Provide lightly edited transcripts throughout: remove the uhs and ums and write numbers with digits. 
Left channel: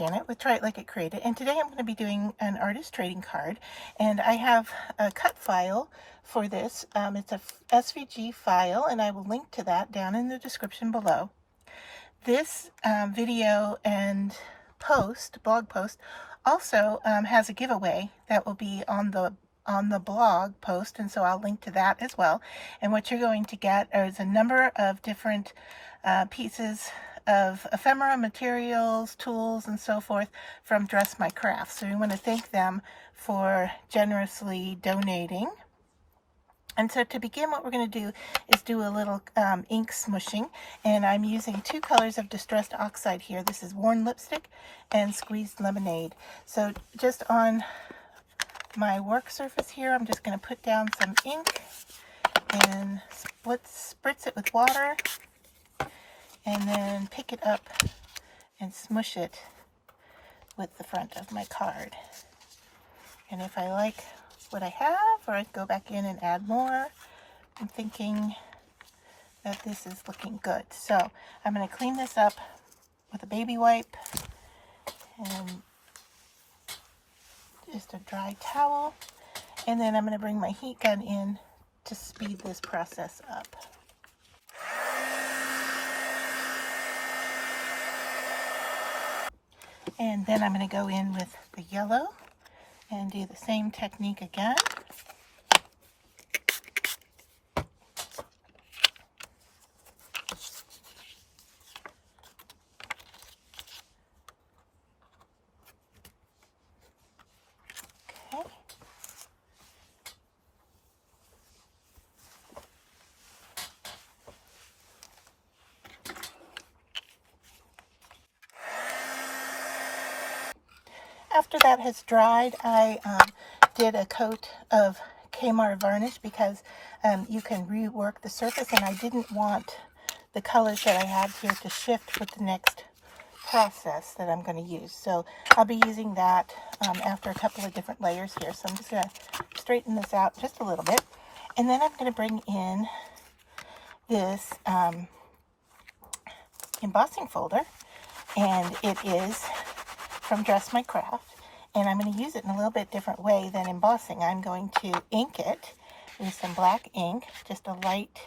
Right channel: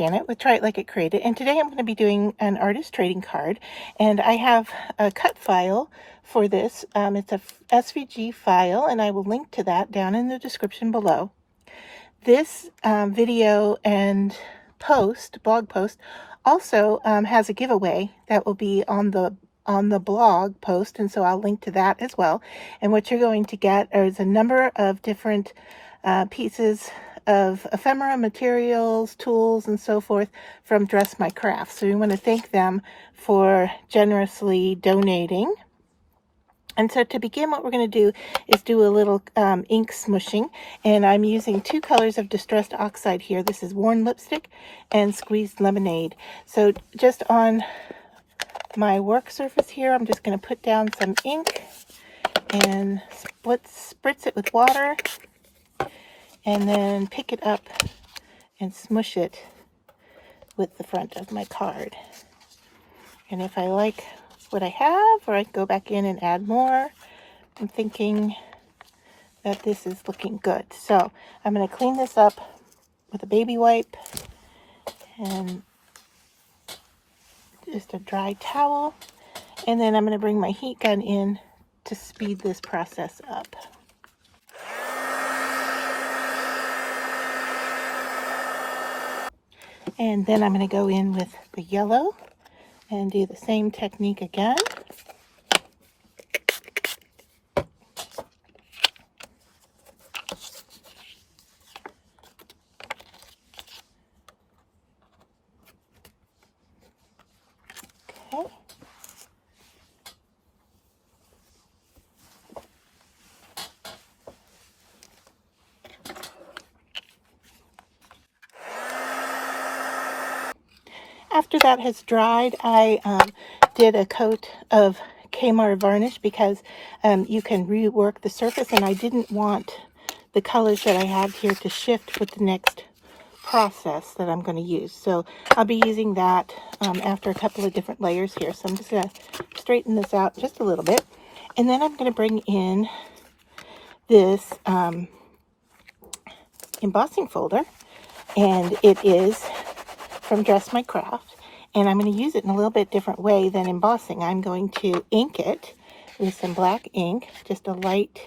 Janet with Try It Like It Created, and today I'm going to be doing an artist trading card, and I have a cut file for this. It's a SVG file, and I will link to that down in the description below. This video and blog post, also has a giveaway that will be on the blog post, and so I'll link to that as well. And what you're going to get is a number of different pieces of ephemera materials, tools, and so forth from Dress My Craft. So we want to thank them for generously donating. And so to begin, what we're going to do is do a little ink smooshing, and I'm using two colors of Distressed Oxide here. This is Worn Lipstick and Squeezed Lemonade. So just on my work surface here, I'm just going to put down some ink and spritz it with water, and then pick it up and smush it with the front of my card. And if I like what I have, or I can go back in and add more, I'm thinking that this is looking good. So I'm going to clean this up with a baby wipe and just a dry towel, and then I'm going to bring my heat gun in to speed this process up. And then I'm going to go in with the yellow and do the same technique again. Okay. After that has dried, I did a coat of Kmart varnish because you can rework the surface, and I didn't want the colors that I have here to shift with the next process that I'm going to use. So I'll be using that after a couple of different layers here. So I'm just going to straighten this out just a little bit, and then I'm going to bring in this embossing folder, and it is from Dress My Craft, and I'm going to use it in a little bit different way than embossing. I'm going to ink it with some black ink, just a light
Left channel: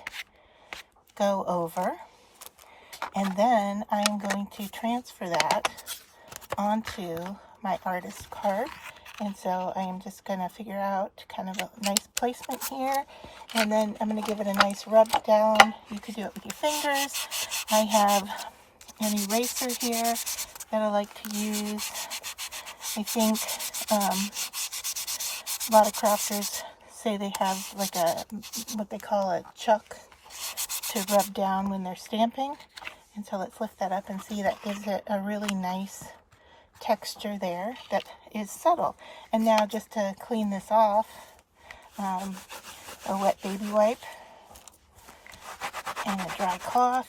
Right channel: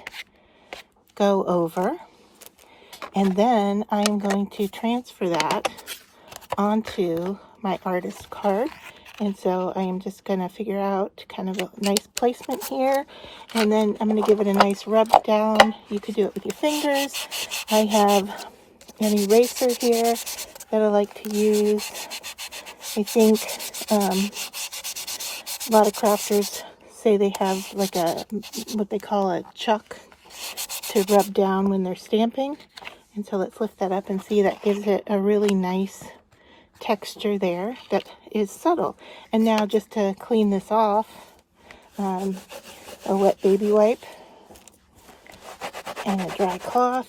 go over, and then I'm going to transfer that onto my artist card. And so I am just going to figure out kind of a nice placement here, and then I'm going to give it a nice rub down. You could do it with your fingers. I have an eraser here that I like to use. I think a lot of crafters say they have like what they call a chuck to rub down when they're stamping. And so let's lift that up and see, that gives it a really nice texture there that is subtle. And now just to clean this off, a wet baby wipe and a dry cloth,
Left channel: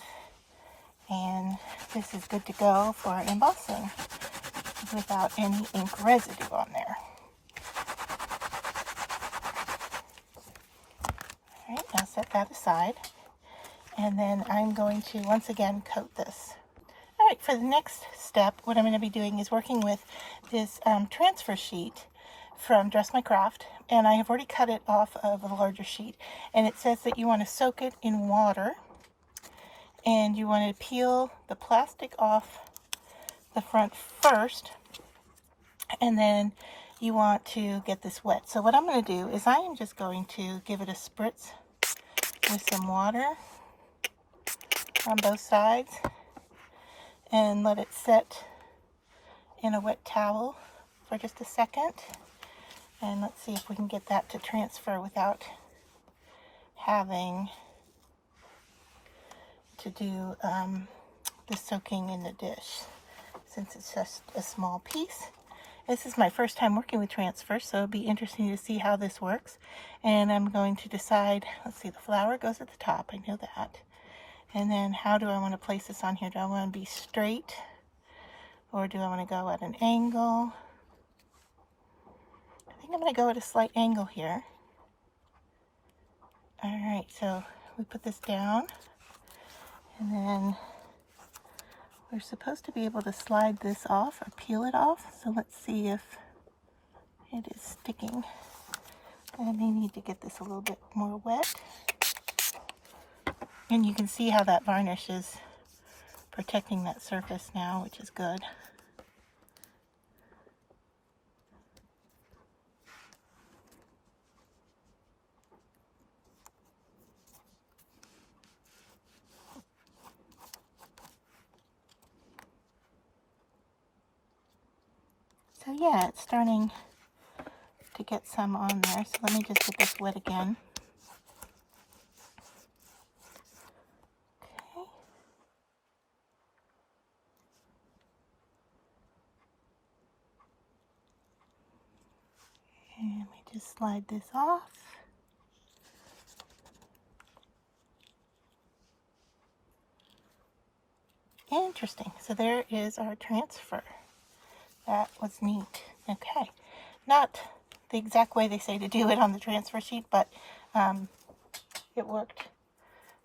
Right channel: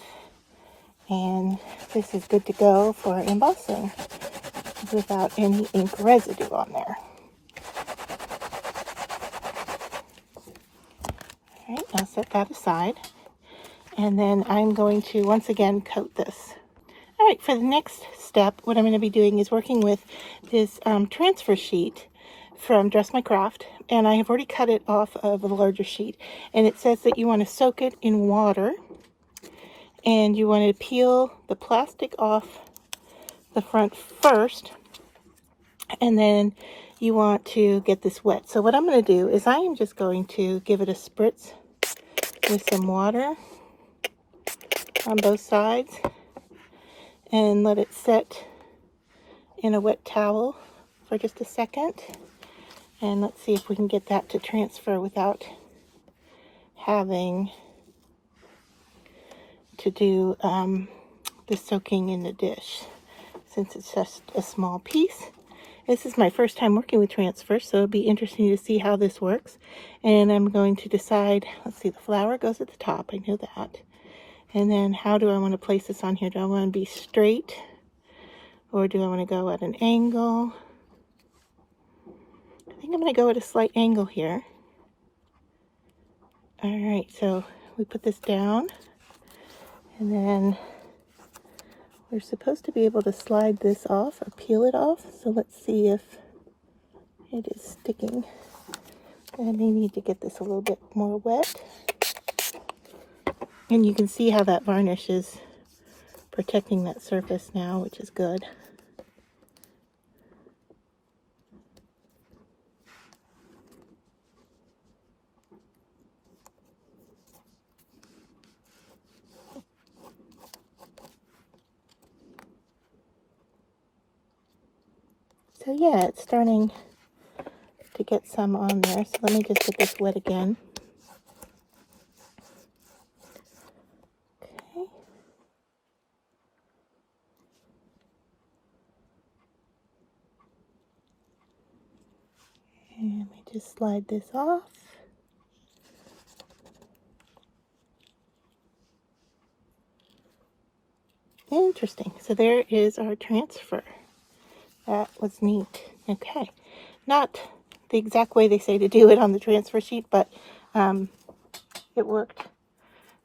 and this is good to go for embossing without any ink residue on there. All right, now set that aside, and then I'm going to once again coat this. All right, for the next step, what I'm going to be doing is working with this transfer sheet from Dress My Craft, and I have already cut it off of a larger sheet, and it says that you want to soak it in water, and you want to peel the plastic off the front first, and then you want to get this wet. So what I'm going to do is I am just going to give it a spritz with some water on both sides and let it set in a wet towel for just a second. And let's see if we can get that to transfer without having to do the soaking in the dish, since it's just a small piece. This is my first time working with transfer, so it'll be interesting to see how this works. And I'm going to decide, let's see, the flower goes at the top, I know that. And then how do I want to place this on here? Do I want to be straight, or do I want to go at an angle? I think I'm going to go at a slight angle here. All right, so we put this down, and then we're supposed to be able to slide this off or peel it off. So let's see if it is sticking. And I may need to get this a little bit more wet. And you can see how that varnish is protecting that surface now, which is good. So yeah, it's starting to get some on there. So let me just get this wet again. Okay. And let me just slide this off. Interesting. So there is our transfer. That was neat. Okay. Not the exact way they say to do it on the transfer sheet, but it worked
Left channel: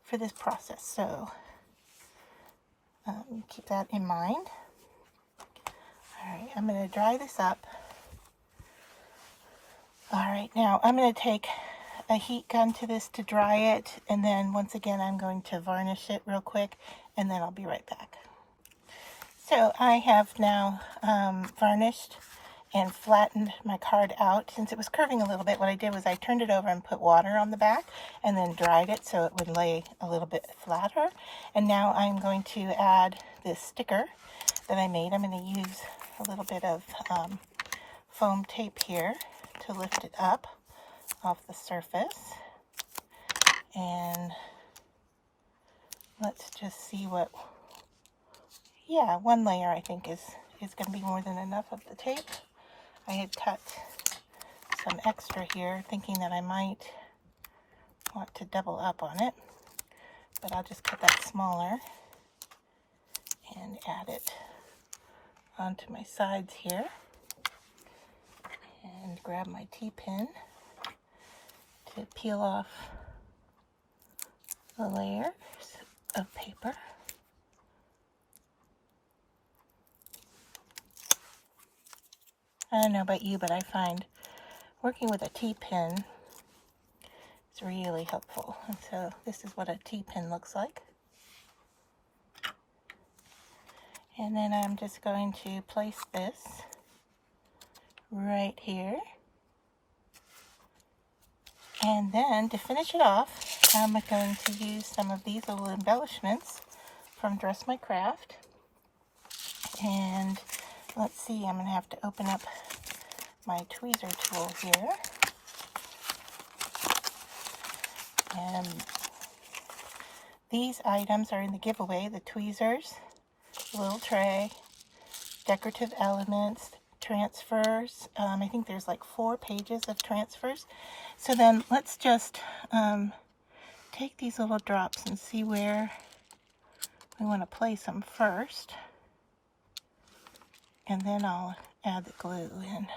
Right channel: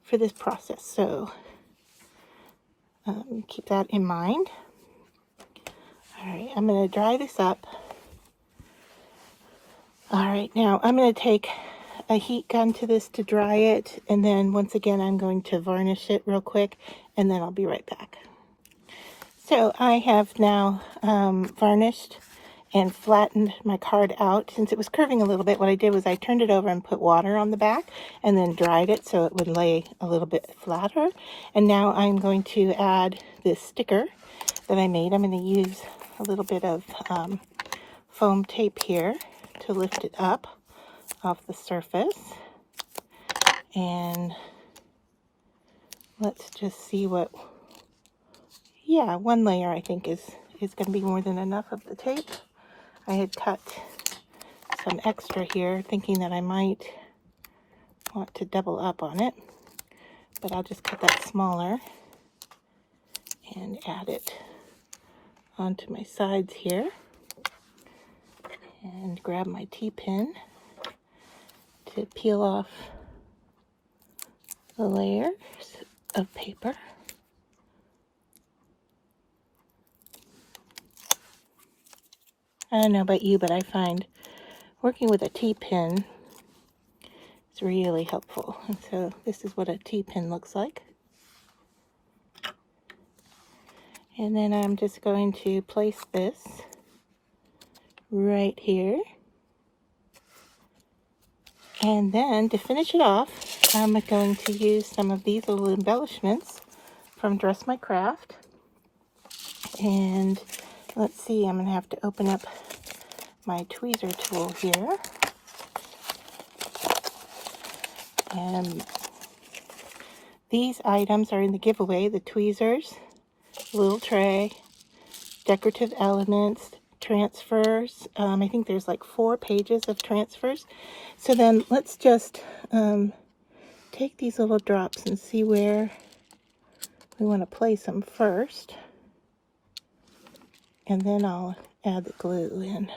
for this process. So keep that in mind. All right, I'm going to dry this up. All right, now I'm going to take a heat gun to this to dry it, and then once again I'm going to varnish it real quick, and then I'll be right back. So I have now varnished and flattened my card out. Since it was curving a little bit, what I did was I turned it over and put water on the back and then dried it so it would lay a little bit flatter. And now I'm going to add this sticker that I made. I'm going to use a little bit of foam tape here to lift it up off the surface. And let's just see what, yeah, one layer I think is going to be more than enough of the tape. I had cut some extra here, thinking that I might want to double up on it, but I'll just cut that smaller and add it onto my sides here, and grab my T-pin to peel off the layers of paper. I don't know about you, but I find working with a T-pin is really helpful. And so this is what a T-pin looks like. And then I'm just going to place this right here. And then to finish it off, I'm going to use some of these little embellishments from Dress My Craft. And let's see, I'm going to have to open up my tweezer tool here. And these items are in the giveaway: the tweezers, little tray, decorative elements, transfers. I think there's like 4 pages of transfers. So then let's just take these little drops and see where we want to place them first. And then I'll add the glue in.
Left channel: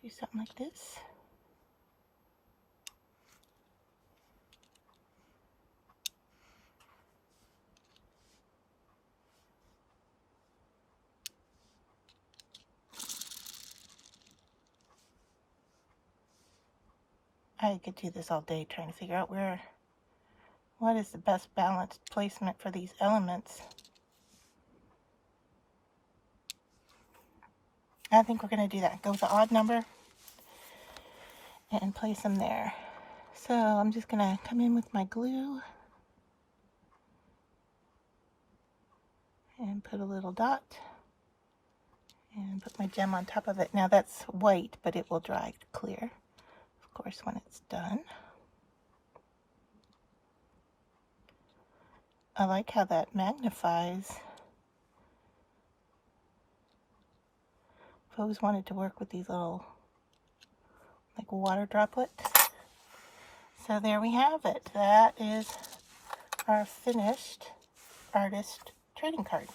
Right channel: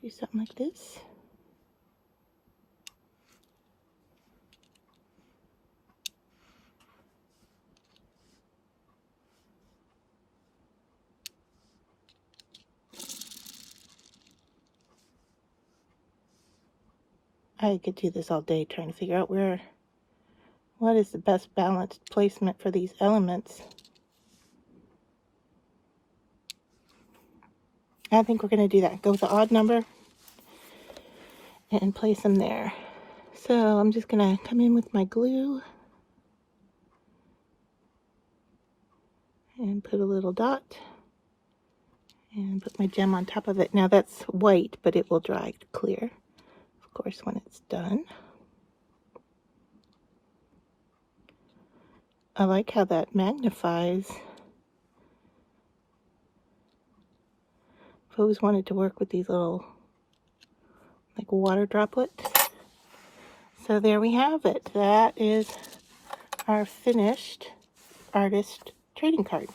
Do something like this. I could do this all day trying to figure out what is the best balanced placement for these elements. I think we're going to do that. Go with the odd number and place them there. So I'm just going to come in with my glue and put a little dot and put my gem on top of it. Now that's white, but it will dry clear, of course, when it's done. I like how that magnifies. I've always wanted to work with these little like water droplets. So there we have it. That is our finished artist trading card.